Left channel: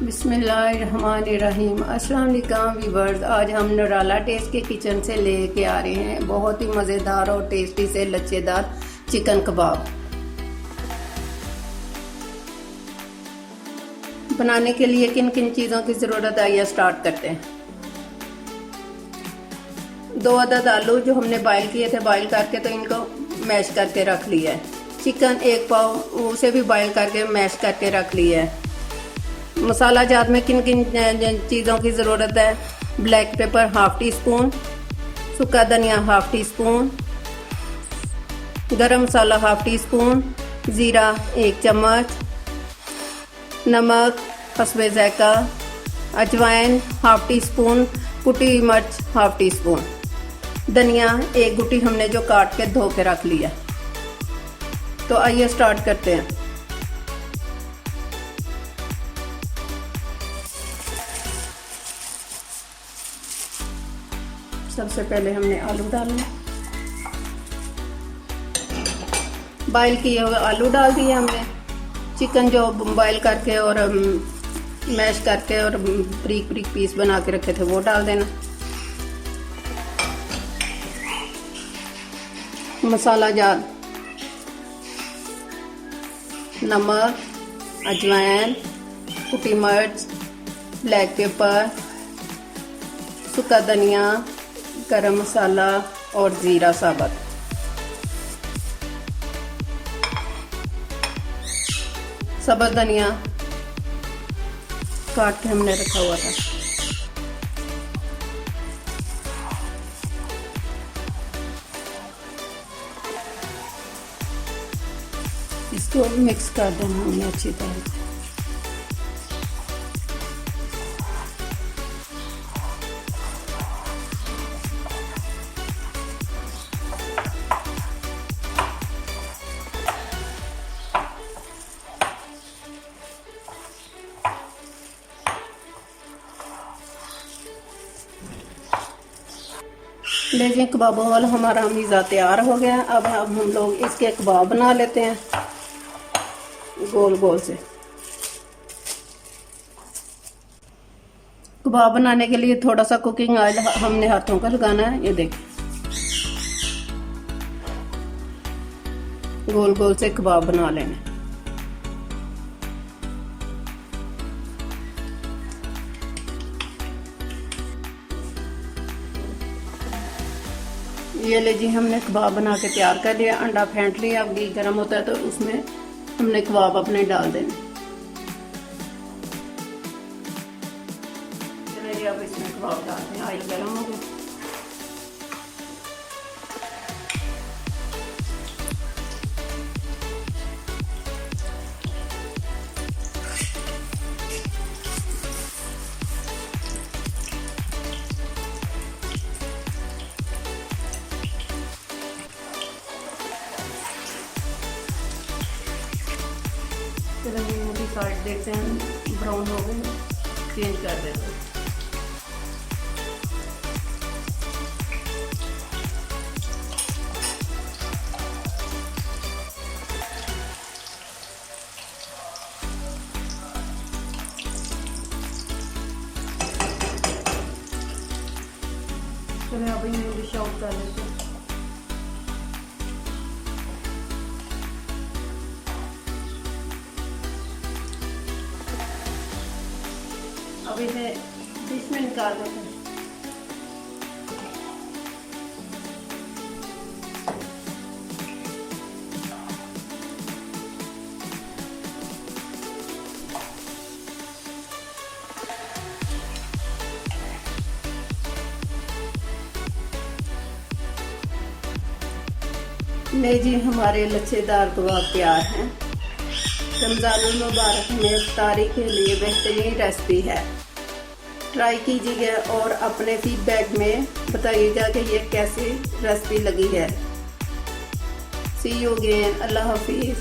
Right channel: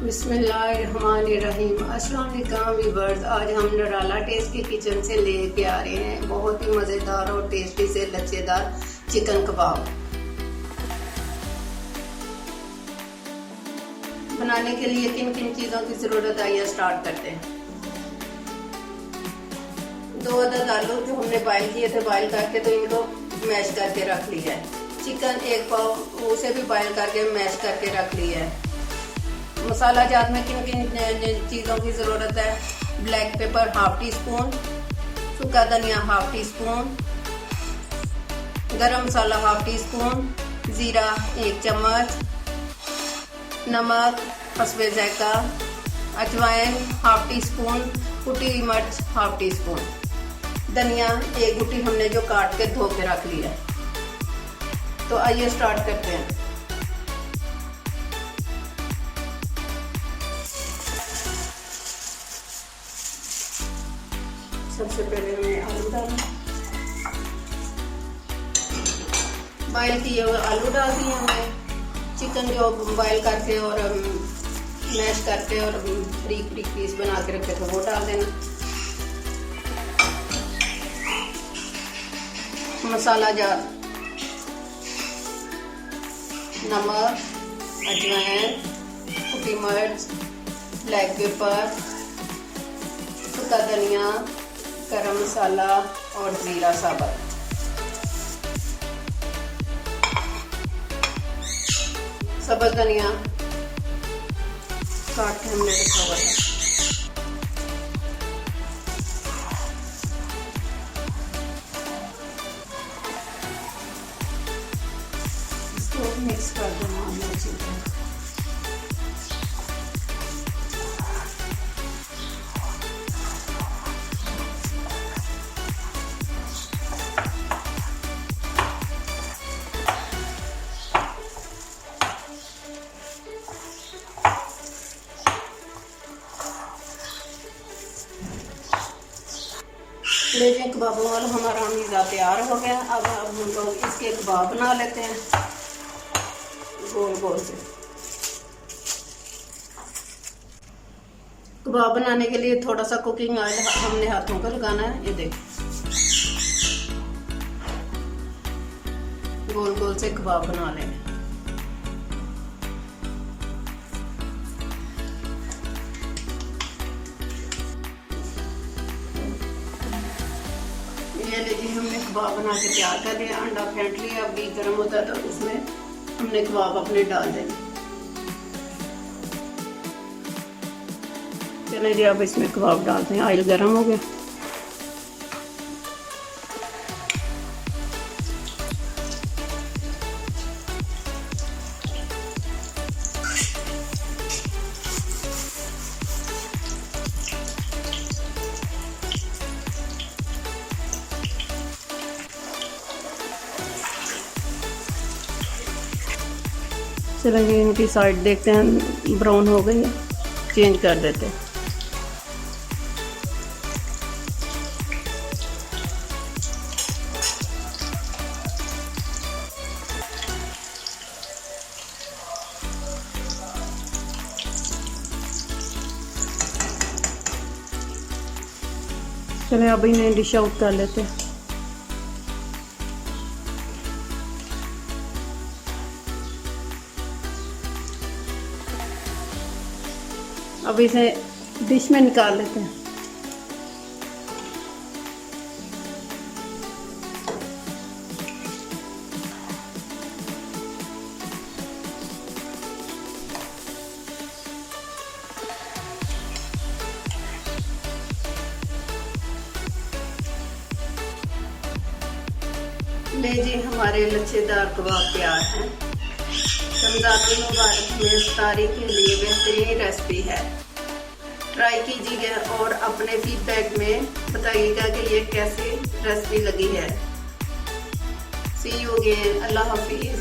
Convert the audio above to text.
बिस्मिल्लाहिर्रहमानिर्रहीम। अस्सलाम वालेकुम व्यूअर्स, आज हम नराला टेस्ट के किचन से लेके आ रहे हैं बहुत ही मज़ेदार और टेस्टी से लच्छेदार चिकन कबाब। बनाने के लिए किन किन चीज़ों की ज़रूरत है आइए स्टार्ट करते हैं। 2 अदद आलू जो हमने बॉयल किए थे, बॉयल करके तो इनको मैश करके रख लिया है। चिकन 1 पाव, उसे भी बॉयल करके मैश करके रख लिया है। मसाला जात में किन किन चीज़ों की ज़रूरत है। ब्लैक पेपर ½ टी स्पून, सूखा धनिया ½ टी स्पून, गरम मसाला ½ टी स्पून, ज़ीरा 1 चम्मच, नमक हस्बे ज़ायका, अजवाइन ½ टी स्पून, कुटी हुई मिर्च ½ टी स्पून, धनिया 1 गुटी हमने जो काट के धो के रख लिया। तो आइए स्टार्ट करते हैं। सबसे पहले हमने आलू डालना, बॉयल किए हुए आलू डाल दिए हमने। चिकन जो बॉयल करके और मैश करके और बारीक बारीक पीस बना के रखे थे वो डाल देना। मसाला जार, नमक, अजवाइन, कुटी मिर्च, ब्लैक पेपर, सूखा धनिया, गरम मसाला और ज़ीरा साबुत। सब्ज़ धनिया काट के हमने रखा हुआ था। इसको मिक्स कर देना हमें अच्छी तरह। लीजिए कबाबों वाला हमारा मीज़ा तैयार हो गया। अब हम लोग इसके कबाब बना लेते हैं गोल गोल से। कबाब बनाने के लिए थोड़ा सा कुकिंग ऑयल हमने हाथों का लगाना है। ये देखिए गोल गोल से कबाब बना लेना। ये लीजिए हमने कबाब बना के तैयार कर लिया। अंडा फेंट लिया, अब घी गर्म होता है तो उसमें हमने कबाब अपने डाल देने। चलिए जी अब इसमें कबाब डालते हैं। ऑयल गर्म हो गया। चलिए इनकी साइड देखते हैं ब्राउन हो गई है, चेंज कर देते हैं। चलिए अब इन्हें डिश आउट कर लेते हैं। अब इसे डिश में निकाल लेते हैं। नहीं जी हमारे लच्छेदार कबाब तैयार हैं। रमज़ानुल मुबारक में इफ्तारी के लिए बेहतरीन रेसिपी है। ट्राई कीजिएगा और अपने फीडबैक में बताइएगा कि ये कैसी रेसिपी लगी है। सी यू अगेन। अल्लाह हाफिज़।